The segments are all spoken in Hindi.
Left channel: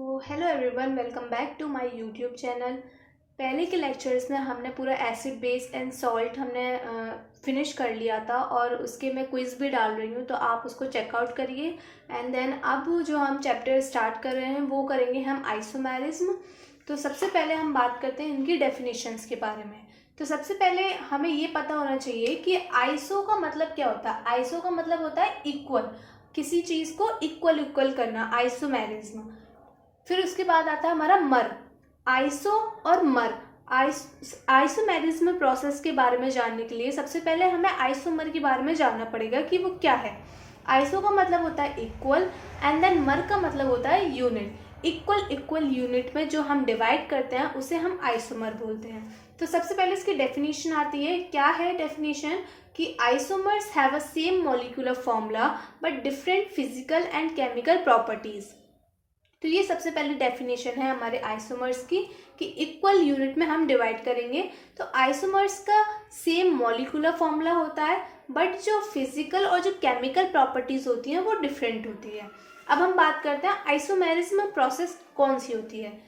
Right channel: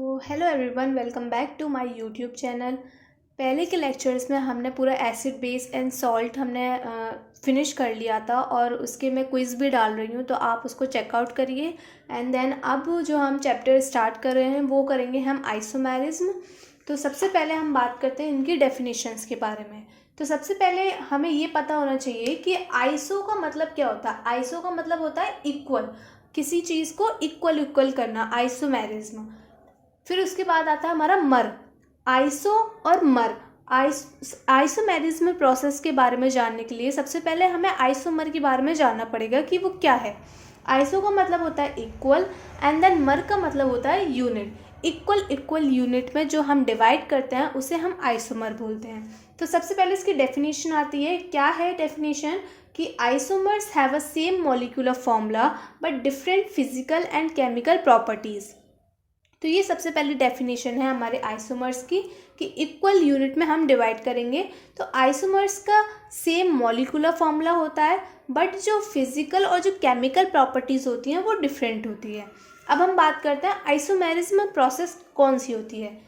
तो hello everyone, welcome back to my YouTube channel. पहले के लेक्चर्स में हमने पूरा एसिड बेस एंड सॉल्ट हमने फिनिश कर लिया था और उसके मैं क्विज़ भी डाल रही हूँ, तो आप उसको चेकआउट करिए। एंड देन अब जो हम चैप्टर स्टार्ट कर रहे हैं वो करेंगे हम आइसोमेरिज्म। तो सबसे पहले हम बात करते हैं इनकी डेफिनेशंस के बारे में। तो सबसे पहले हमें ये पता होना चाहिए कि आइसो का मतलब क्या होता है। आइसो का मतलब होता है इक्वल, किसी चीज़ को इक्वल इक्वल करना, आइसोमेरिज्म। फिर उसके बाद आता है हमारा मर। आइसो और मर, आइसोमेरिज्म प्रोसेस के बारे में जानने के लिए सबसे पहले हमें आइसोमर के बारे में जानना पड़ेगा कि वो क्या है। आइसो का मतलब होता है इक्वल एंड देन मर का मतलब होता है यूनिट। इक्वल इक्वल यूनिट में जो हम डिवाइड करते हैं उसे हम आइसोमर बोलते हैं। तो सबसे पहले इसकी डेफिनेशन आती है। क्या है डेफिनेशन? कि isomers have a same molecular formula but different physical and chemical properties. तो ये सबसे पहली डेफिनेशन है हमारे आइसोमर्स की, कि इक्वल यूनिट में हम डिवाइड करेंगे। तो आइसोमर्स का सेम मॉलिक्यूलर फॉर्मूला होता है, बट जो फिजिकल और जो केमिकल प्रॉपर्टीज होती हैं वो डिफरेंट होती है। अब हम बात करते हैं आइसोमेरिज्म प्रोसेस कौन सी होती है।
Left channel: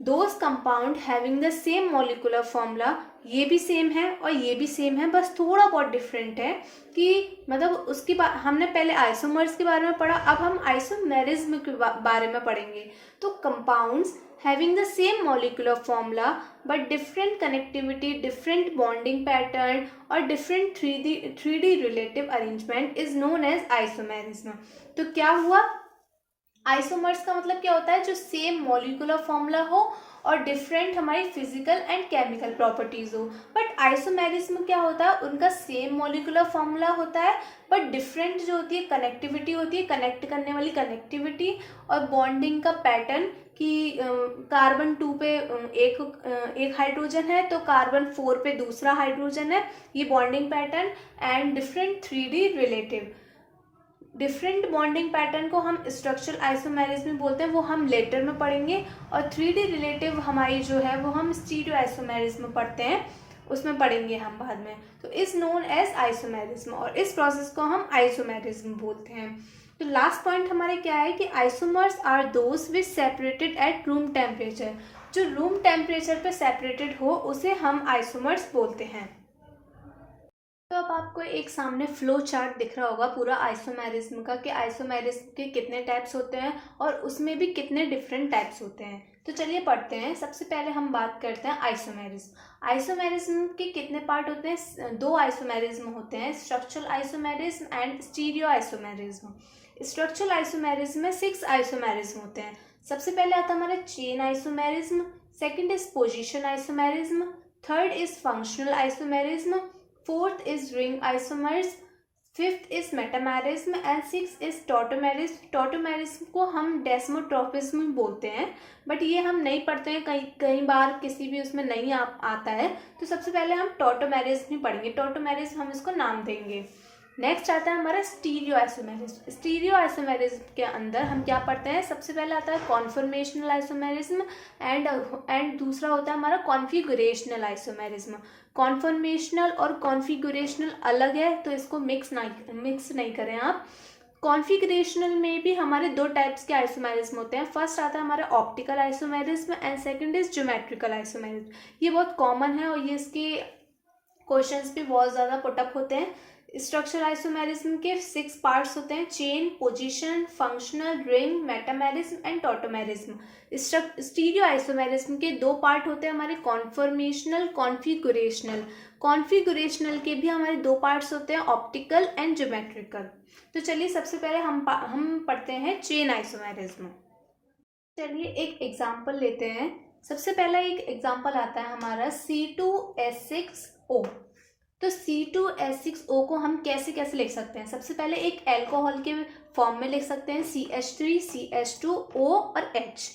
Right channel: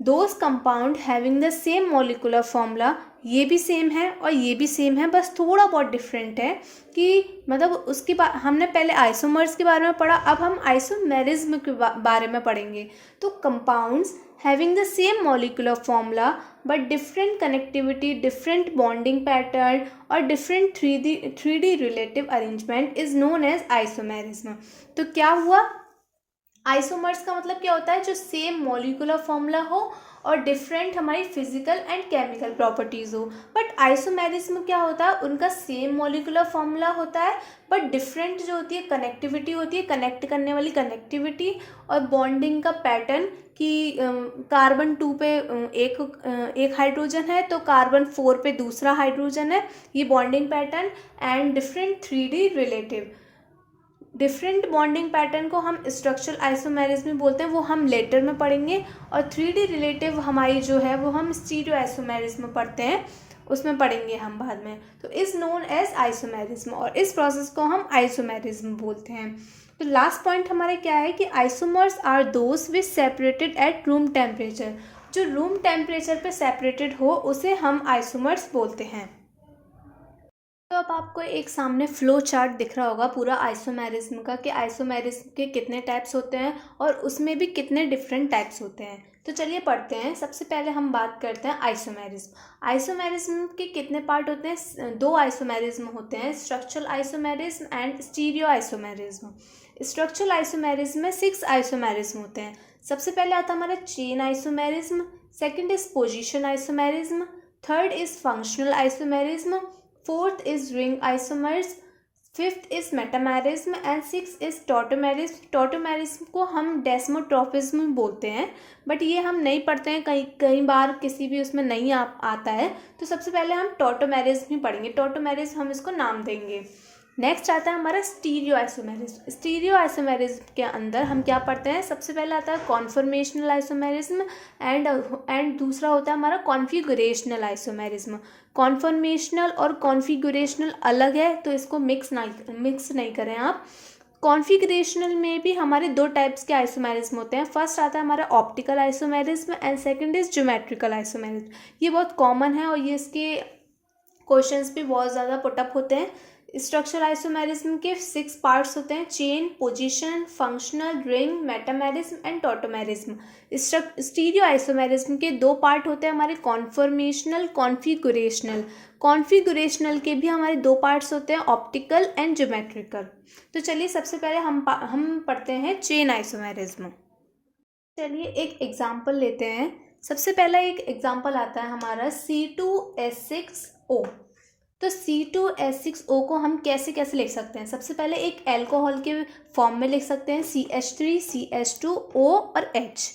Those compound having the same molecular formula, ये भी सेम है और ये भी सेम है, बस थोड़ा बहुत डिफरेंट है। कि मतलब उसके बाद हमने पहले आइसोमर्स के बारे में पढ़ा, अब हम आइसोमेरिज्म के बारे में पढ़ेंगे। तो compounds having the same molecular formula but different connectivity, different bonding pattern और different three D relative arrangement is known as isomerism. तो क्या हुआ? आइसोमर्स का मतलब क्या होता है? जो सेम मॉलिक्यूलर फॉर्मूला हो और डिफरेंट हमारी फिजिकल एंड केमिकल प्रॉपर्टीज हो। बट आइसोमेरिज्म क्या होता है? उनका सेम मॉलिक्यूलर फॉर्मूला होता है बट डिफरेंट जो होती है कनेक्टिविटी होती है, कनेक्ट करने वाली कनेक्टिविटी और बॉन्डिंग का पैटर्न। कि कार्बन 2 पे एक हाइड्रोजन है तो कार्बन 4 पे दूसरा हाइड्रोजन है, ये bonding pattern. And different 3D relative, different bonding pattern को हम स्ट्रक्चरल आइसोमेरिज्म बोलते हैं, वो हम लेटर में पढ़ेंगे। और 3D रिलेटिव हमारी जो है वो हम स्टीरियो आइसोमेरिज्म पढ़ते हैं, उसमें पढ़ेंगे हम बाद में। तो इज नोन एज आइसोमेरिज्म, और इस प्रोसेस को हम आइसोमेरिज्म बोलते हैं। तो लास्ट पॉइंट हमारे क्या है कि isomers are those which separated at room temperature. जो रूम टेम्परेचर पे सेपरेटेड हो उसे हम आइसोमर्स बोलते हैं। तो अब आपको एक सामने फ्लो चार्ट दिख रहा होगा पूरा आइसोमेरिज्म का, कि आइसोमेरिज्म के कितने टाइप्स होते हैं और उसमें भी कितने डिफरेंट टाइप्स होते हैं। तो चलिए पढ़ते हैं। सबसे पहले हम बात करते हैं आइसोमेरिज्म। आइसोमेरिज्म के कितने पार्ट होते हैं? दो आइसोमेरिज्म होते हैं, structural isomerism and stereo isomerism. Structural isomerism में 6 आइसोमेरिज्म होते हैं। सबसे पहले आता है हमारा chain isomerism, second is position isomerism, third is functional isomerism, fourth is ring isomers, fifth is metamerism and six is tautomerism. Tautomerism को हम डेस्मोट्रॉफिज्म बोलते हैं, बट ये हम नहीं पढ़ते हैं, कई कई बार किसी भी उसमें नहीं आता है। तो सबसे पहले हम टॉटोमेरिज्म ही पढ़ेंगे, टॉटोमेरिज्म हम इसको नाम देंगे। नेक्स्ट आता है हमारा स्टीरियो आइसोमेरिज्म। स्टीरियो आइसोमेरिज्म के अंदर हम क्या पढ़ते हैं? सबसे पहले आता है कॉन्फॉर्मेशनल आइसोमेरिज्म एंड दूसरा होता है हमारा कॉन्फिगरेशनल आइसोमेरिज्म। कॉन्फॉर्मेशनल और कॉन्फिगरेशनल अलग है, तो इसको मिक्स नहीं करें आप। कॉन्फिगरेशनल में भी हमारे दो टाइप्स के आइसोमेरिज्म होते हैं। फर्स्ट आता है हमारा optical isomerism and second is geometrical isomerism. ये बहुत कॉमन है और ये इसके क्वेश्चंस भी बहुत ज़्यादा पुटअप होते हैं। स्ट्रक्चर आइसोमेरिज्म के 6 पार्ट्स होते हैं, chain, position, functional, ring, metamerism and tautomerism. Stereo isomerism के 2 पार्ट होते हैं हमारे, कॉन्फॉर्मेशनल, कॉन्फिगरेशनल। कॉन्फिगरेशनल के भी हमारे 2 पार्ट्स होते हैं, ऑप्टिकल एंड ज्योमेट्रिकल। तो चलिए सबसे पहले हम पढ़ते हैं चेन आइसोमेरिज्म। चलिए एक एग्जाम्पल लेते हैं। सबसे पहला एक एग्जाम्पल आता है हमारा C2H6O। तो C2H6O को हम कैसे कैसे लिख सकते हैं? सबसे पहले एक अल्कोहल के फॉर्म में लिख सकते हैं, CH3, CH2O और H।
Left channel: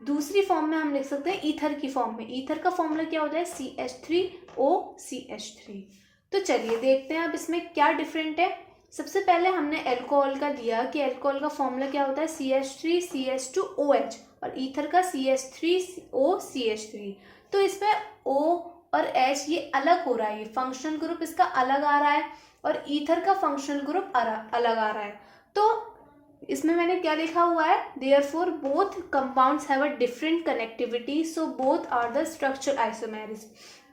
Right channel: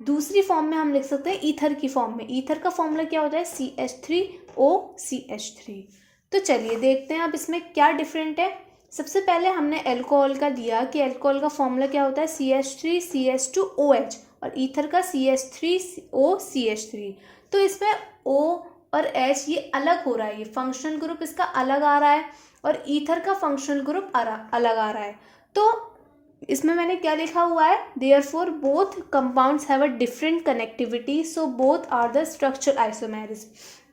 दूसरी फॉर्म में हम लिख सकते हैं ईथर की फॉर्म में। ईथर का फॉर्मूला क्या होता है? CH3O CH3। तो चलिए देखते हैं अब इसमें क्या डिफरेंट है। सबसे पहले हमने अल्कोहल का लिया कि अल्कोहल का फॉर्मूला क्या होता है? CH3 CH2OH, और ईथर का CH3O CH3। तो इसमें O और H ये अलग हो रहा है, ये फंक्शनल ग्रुप इसका अलग आ रहा है और ईथर का फंक्शनल ग्रुप अलग आ रहा है। तो इसमें मैंने क्या लिखा हुआ है, therefore both compounds have a different connectivity so both are the structural isomerism.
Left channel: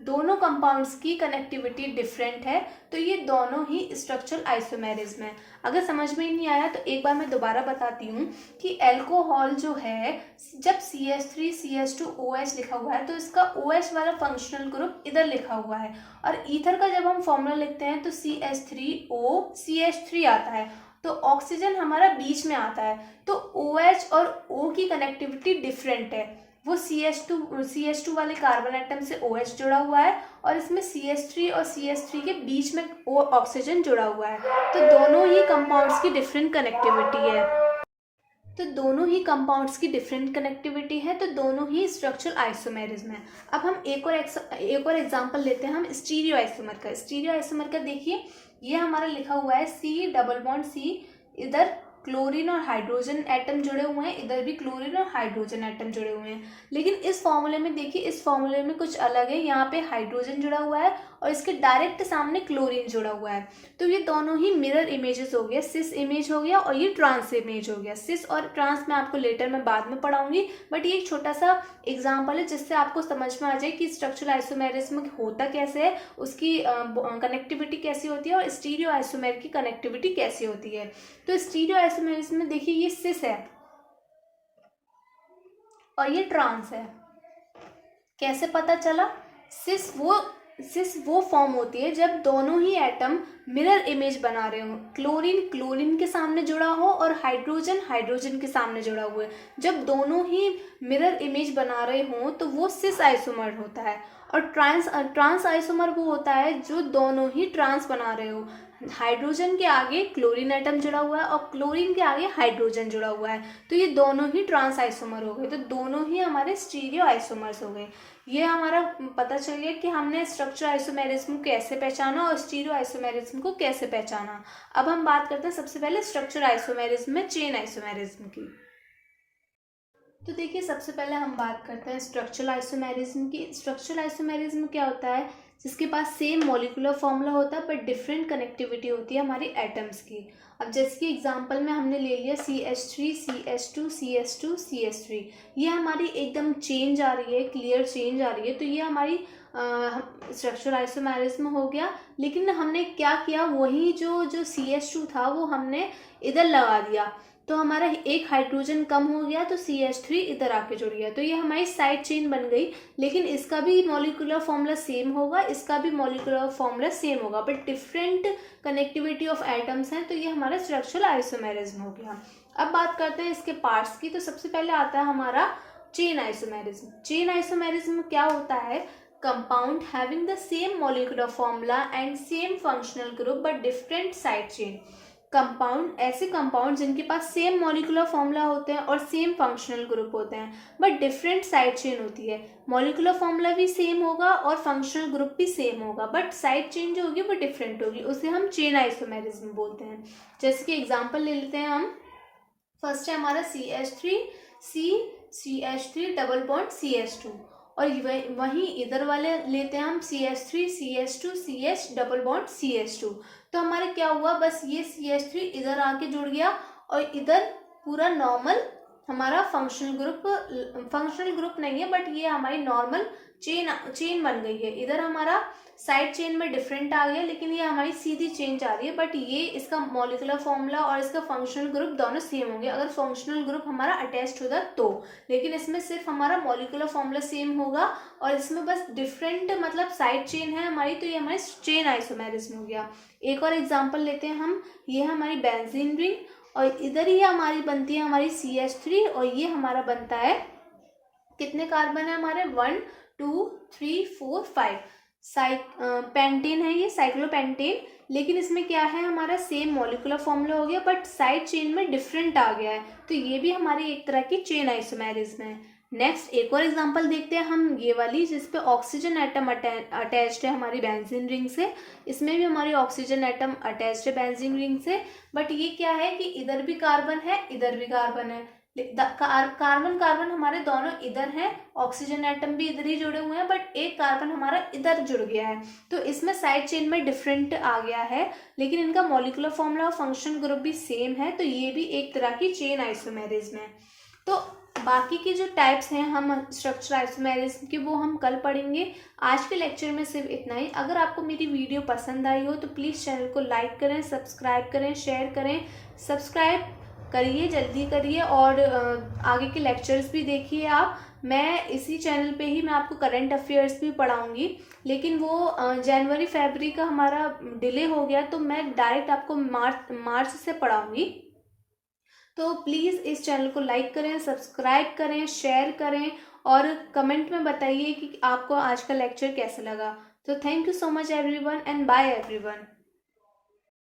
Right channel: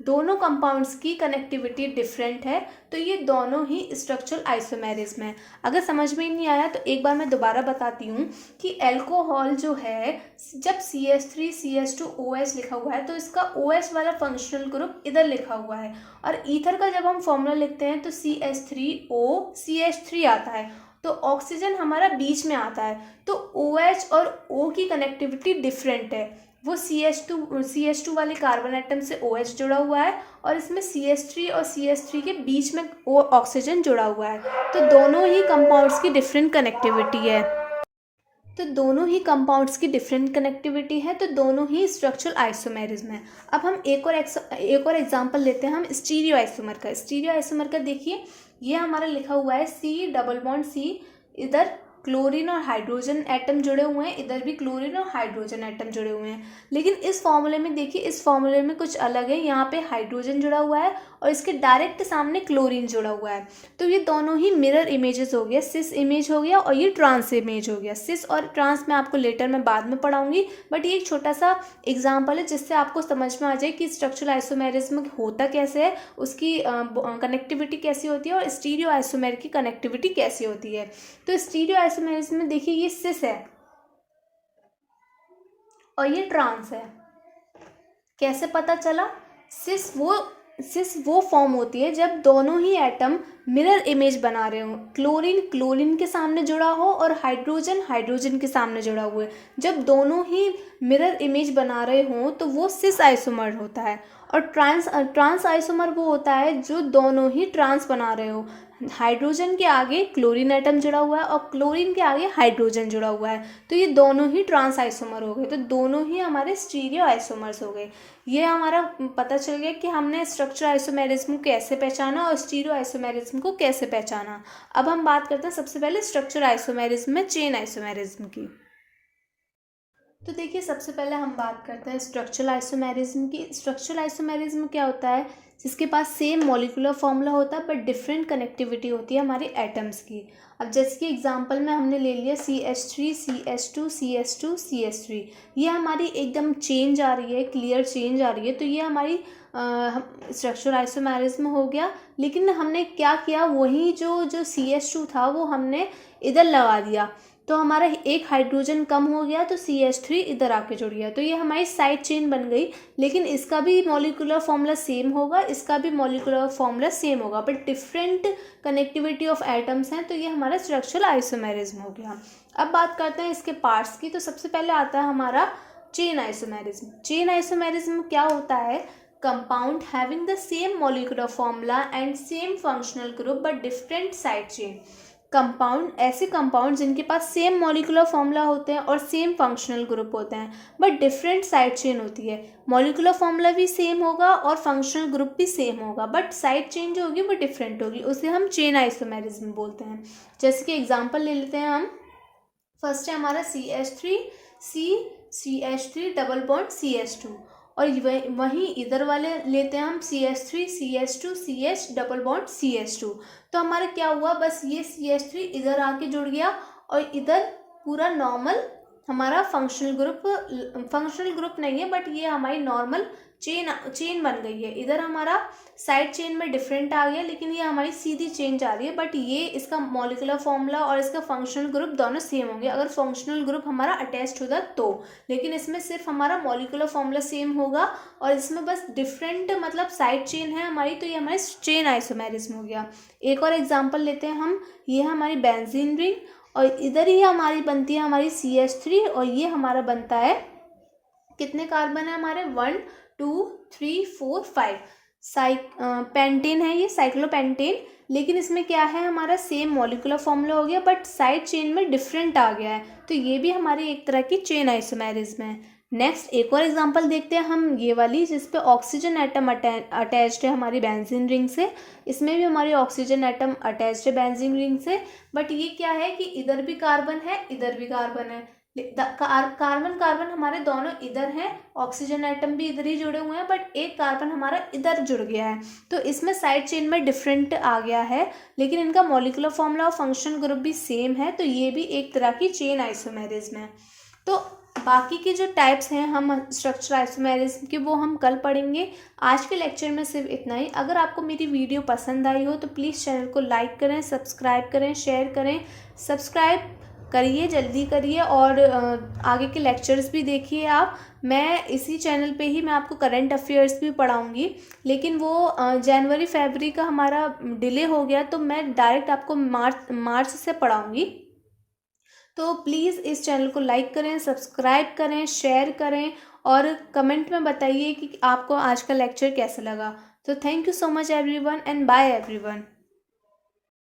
दोनों कंपाउंड्स की कनेक्टिविटी डिफरेंट है तो ये दोनों ही स्ट्रक्चरल आइसोमेरिज्म है। अगर समझ में नहीं आया तो एक बार मैं दोबारा बताती हूँ कि एल्कोहल जो है, जब CH3CH2OH लिखा हुआ है तो इसका OH वाला फंक्शनल ग्रुप इधर लिखा हुआ है, और ईथर का जब हम फॉर्मूला लिखते हैं तो CH3OCH3 आता है, तो ऑक्सीजन हमारा बीच में आता है। तो OH और O की कनेक्टिविटी डिफरेंट है, वो CH2 वाले कार्बन एटम से OH जुड़ा हुआ है और इसमें CH3 और CH3 के बीच में ऑक्सीजन जुड़ा हुआ है। तो दोनों ही कंपाउंड्स की डिफरेंट कनेक्टिविटी है, तो दोनों ही कंपाउंड्स की डिफरेंट कनेक्टिविटी है, तो दोनों ही स्ट्रक्चरल आइसोमेरिज्म है। अब हम एक और एग्जांपल लेते हैं हम स्टीरियो आइसोमर का। स्टीरियो आइसोमर का देखिए, ये हमारा लिखा हुआ है C+C, इधर क्लोरीन और हाइड्रोजन एटम जुड़े हुए हैं, इधर भी क्लोरीन और हाइड्रोजन एटम जुड़े हुए हैं। लेकिन इस फॉर्मूले में देखिए, इस फॉर्मूले में कुछ अलग है, यहाँ पे हाइड्रोजन जुड़ा हुआ है और इसके डायरेक्ट सामने क्लोरीन जुड़ा हुआ है। तो ये दोनों ही मिरर इमेजेस हो गया, सिस इमेज हो गया और ये ट्रांस इमेज हो गया। सिस और ट्रांस मैं आपको लेटर में बाद में पढ़ाऊंगी, बट ये एक छोटा सा एग्जाम्पल है जिससे आपको समझ में आ जाए कि स्ट्रक्चरल आइसोमेरिज्म होता कैसे है, उसकी कनेक्टिविटी कैसी होती है और स्टीरियो आइसोमेर की कनेक्टिविटी कैसी होती है। तो स्टीरियो आइसोमेरिज्म में देखिए, ये सिस है और ये ट्रांस है। कैसे पता चला? सिस वो फॉर्म होती है जब दोनों ही एटम मिरर इमेज बना रहे हो, क्लोरीन क्लोरीन के सामने जुड़ा हो और हाइड्रोजन हाइड्रोजन के सामने जुड़ा हुआ है। जब दोनों ही मिरर इमेज बना रहे हो तो वो सिस आइसोमर होता है। और ट्रांस आइसोमर वो होता है जो दोनों ही ट्रांस बना रहे हो, हाइड्रोजन के आगे क्लोरीन एटम जुड़ा हुआ है और क्लोरीन के आगे हाइड्रोजन जुड़ा हुआ है, तो ये दोनों ही ट्रांस आइसोमर हो गए। तो दोनों ही हमारे स्टीरियो आइसोमर्स हो गए। ये हमारा पता चल गया कि हमने स्ट्रक्चर आइसोमेरिज्म को कैसे पहचाना और स्टीरियो आइसोमेरिज्म को कैसे पहचाना। अब हम बात करते हैं सबसे पहले स्ट्रक्चर आइसोमेरिज्म में चेन आइसोमेरिज्म की। तो देखिए, सबसे पहले हम बात करते हैं स्ट्रक्चरल आइसोमेरिज्म की। स्ट्रक्चरल आइसोमेरिज्म क्या होता है? जिसके पास सेम मॉलिक्यूलर फॉर्मूला होता है बट डिफरेंट कनेक्टिविटी होती है हमारी एटम्स की। अब जैसे कि एग्जांपल में हमने ले लिया CH3 CH2 CH2 CH3, ये हमारी एकदम चेंज आ रही है, क्लियर चेंज आ रही है, तो ये हमारी स्ट्रक्चरल आइसोमेरिज्म हो गया। लेकिन हमने क्या किया, वही जो CH2 था वो हमने इधर लगा दिया, तो हमारा एक हाइड्रोजन कम हो गया तो CH3 इधर आके जुड़ गया, तो ये हमारी साइड चेन बन गई। लेकिन इसका भी मॉलिक्यूलर फॉर्मूला सेम होगा, इसका भी मॉलिक्यूलर फॉर्मूला सेम होगा, but different connectivity of atoms हैं, तो ये हमारा स्ट्रक्चरल आइसोमेरिज्म हो गया। अब बात करते हैं इसके पार्ट्स की। तो सबसे पहले आता है हमारा चेन आइसोमेरिज्म। चेन आइसोमेरिज्म क्या होता है? Compound having the same molecular formula and same functional group but different side chain. Compound, ऐसे कंपाउंड जिनके पास सेम मॉलिक्यूलर फॉर्मूला होते हैं और सेम फंक्शनल ग्रुप होते हैं बट डिफरेंट साइड चेन होती है। मॉलिक्यूलर फॉर्मूला भी सेम होगा और फंक्शनल ग्रुप भी सेम होगा, बट साइड चेन जो होगी वो डिफरेंट होगी, उसे हम चेन आइसोमेरिज्म बोलते हैं। जैसे कि एग्जांपल ले लेते हैं हम। फर्स्ट है हमारा CH3 डबल बॉन्ड CH2, और वहीं इधर वाले लेते हैं हम CH3 CH2 CH double bond CH2। तो हमारे क्या हुआ, बस ये CH3 इधर आके जुड़ गया और इधर पूरा नॉर्मल हमारा फंक्शनल ग्रुप नहीं है, बट ये हमारी नॉर्मल चेन बन गई है। इधर हमारा साइड चेन में डिफरेंट आ गया, लेकिन ये हमारी सीधी चेन जा रही है, बट ये इसका मॉलिक्यूलर फॉर्मूला और इसका फंक्शनल ग्रुप दोनों सेम होंगे अगर फंक्शनल ग्रुप हमारा अटैच्ड होगा तो। लेकिन इसमें सिर्फ हमारा मॉलिक्यूलर फॉर्मूला सेम होगा और इसमें बस डिफरेंट मतलब साइड चेन है हमारी, तो ये हमारी चेन आइसोमेरिज्म हो गया। एक और एग्जांपल लेते हैं हम। ये हमारी बेंजीन रिंग और इधर ही हमारी बनती है हमारी CH3 और ये हमारा बनता है, कितने कार्बन है हमारे, 1 2 3 4 5 पेंटेन है, ये साइक्लोपेंटेन। लेकिन इसमें क्या है, हमारा सेम मॉलिक्यूलर फॉर्मूला हो गया बट साइड चेन में डिफरेंट आ गया है, तो ये भी हमारी एक तरह की चेन आइसोमेरिज्म है। नेक्स्ट एक और एग्जांपल देखते हैं हम, ये वाली जिसपे ऑक्सीजन एटम अटैच्ड है हमारी बेंजीन रिंग से। इसमें भी हमारी ऑक्सीजन एटम अटैच्ड है बेंजीन रिंग से, बट ये क्या है कि इधर भी कार्बन है इधर भी कार्बन है, कार्बन कार्बन हमारे दोनों इधर हैं, ऑक्सीजन एटम भी इधर ही जुड़े हुए हैं, बट एक कार्बन हमारा इधर जुड़ गया है, तो इसमें साइड चेन में डिफरेंट आ गया है, लेकिन इनका मॉलिक्यूलर फॉर्मूला और फंक्शन ग्रुप भी सेम है, तो ये भी एक तरह की चेन आइसोमेरिज्म है। तो बाकी के जो टाइप्स हैं हम स्ट्रक्चर आइसोमेरिज्म के, वो हम कल पढ़ेंगे। आज के लेक्चर में सिर्फ इतना ही। अगर आपको मेरी वीडियो पसंद आई हो तो प्लीज़ चैनल को लाइक करें, सब्सक्राइब करें, शेयर करें। सब्सक्राइब करिए, जल्दी करिए, और आगे के लेक्चर्स भी देखिए आप। मैं इसी चैनल पे ही मैं आपको करंट अफेयर्स भी पढ़ाऊँगी, लेकिन वो जनवरी फरवरी का हमारा डिले हो गया, तो मैं डायरेक्ट आपको मार्च से पढ़ाऊँगी। तो प्लीज़ इस चैनल को लाइक करें, सब्सक्राइब करें, शेयर करें, और कमेंट में बताइए कि आपको आज का लेक्चर कैसा लगा। तो thank you so much everyone, and bye everyone.